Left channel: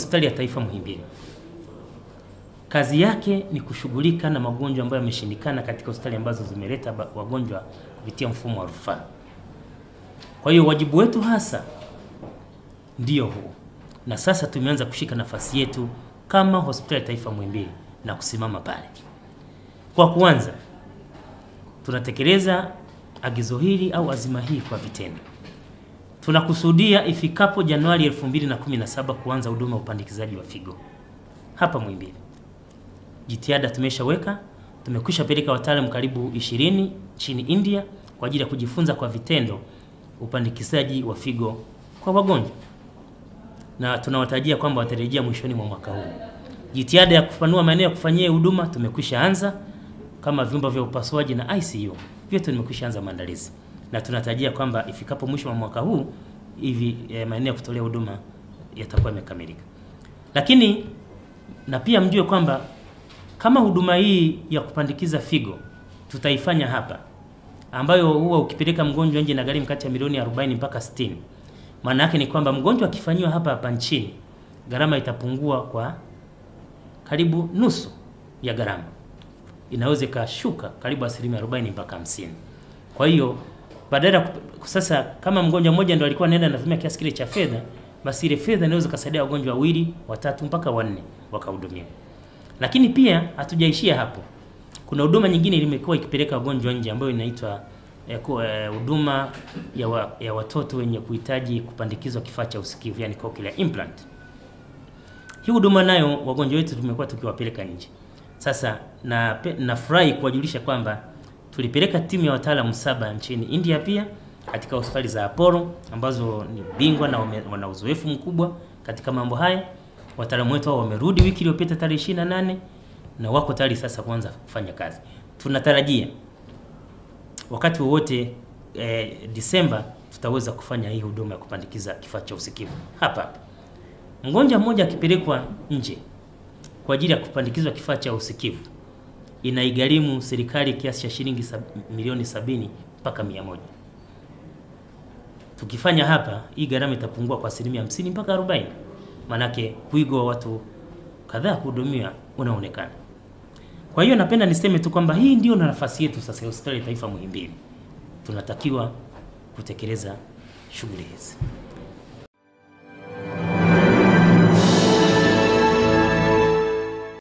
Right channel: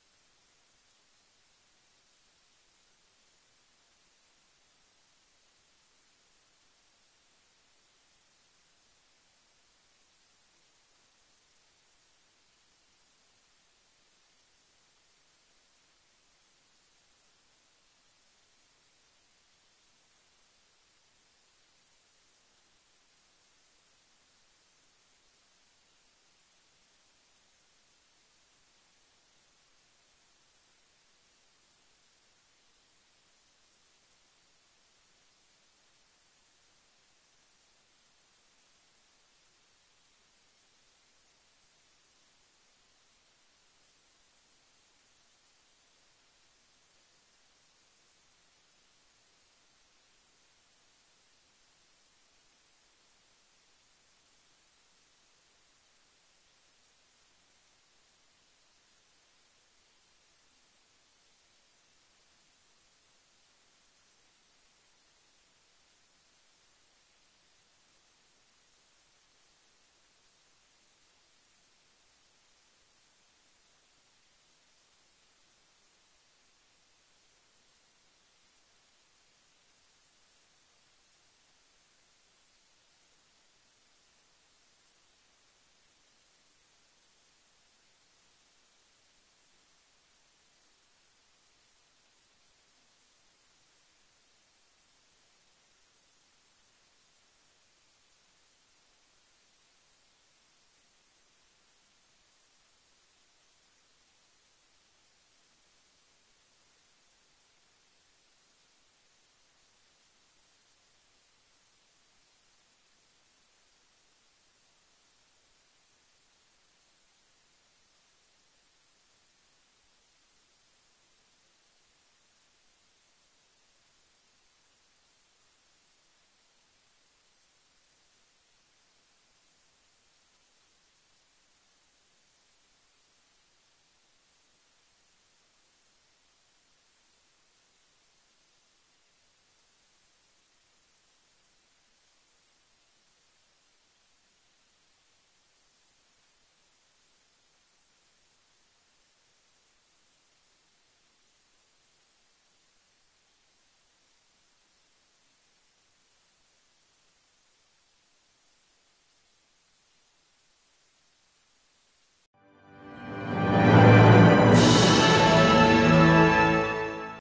Hospitali ya Taifa Muhimbili kazi yake ni kushughulika na magonjwa ambayo yameshindikana katika hospitali ambazo zimeleta wagonjwa kupitia mfumo wa rufaa. Kwa hiyo wajibu wetu hasa ndio huu, na sasa tumeanza kushika nafasi yetu kama Hospitali ya Taifa Muhimbili na kusimama pale. Kwa kuanza, tunatekeleza agizo hili au azima hii kwa vitendo. Tunakusudia ifikapo Januari 2017 kuanza huduma ya upandikizaji wa figo hapa Muhimbili. Jitihada tumeshaweka, tumekwisha peleka wataalamu karibu 20 nchini India kwa ajili ya kujifunza kwa vitendo upandikizaji wa figo kwa wagonjwa, na tunawatarajia kwamba watarejea mwishoni mwa mwaka huu. Jitihada ya kupanua maeneo ya kufanyia huduma tumekwisha anza, kama vyumba vya upasuaji na ICU vyote tumekwisha anza maandalizi, na tunatarajia kwamba ifikapo mwisho wa mwaka huu hivi maeneo ya kutolea huduma yatakuwa yamekamilika. Lakini na pia mjue kwamba kama huduma hii ya kupandikiza figo tutaifanya hapa, ambayo huwa ukipeleka mgonjwa nje na gharimu kati ya milioni 40 mpaka 60, maana yake ni kwamba mgonjwa akifanywa hapa nchini gharama itapungua kwa karibu nusu ya gharama, inaweza kashuka karibu 40% mpaka 50%. Kwa hiyo badala sasa kama mgonjwa mmoja ndio alikuwa anaenda anatumia kiasi kile cha fedha, basi ile fedha inaweza kusaidia wagonjwa 2, 3 mpaka 4 wakahudumiwa. Lakini pia hatujaishia hapo. Kuna huduma nyingine imekuwa ikipeleka wagonjwa nje ambayo inaitwa huduma ya watoto wenye kuhitaji kupandikizwa kifaa cha usikivu, yani cochlear implant. Hii huduma nayo wagonjwa wetu tumekuwa tukiwapeleka nje. Sasa nafurahi kuwajulisha kwamba tulipeleka timu ya wataalamu 7 nchini India pia katika hospitali za Apollo ambazo ni bingwa na wana uzoefu mkubwa katika mambo haya. Wataalamu wetu wamerudi wiki iliyopita tarehe 28 na wako tayari sasa kuanza kufanya kazi. Tunatarajia wakati wowote Disemba tutaweza kufanya hii huduma ya kupandikiza kifaa cha usikivu hapa. Mgonjwa mmoja akipelekwa nje kwa ajili ya kupandikizwa kifaa cha usikivu inaigharimu serikali kiasi cha shilingi milioni 70 mpaka 100. Tukifanya hapa hii gharama itapungua kwa 50% mpaka 40%. Manake wigo wa watu kadhaa kuhudumiwa unaonekana. Kwa hiyo napenda niseme tu kwamba hii ndio nafasi yetu sasa ya Hospitali ya Taifa Muhimbili. Tunatakiwa kutekeleza shughuli hizi.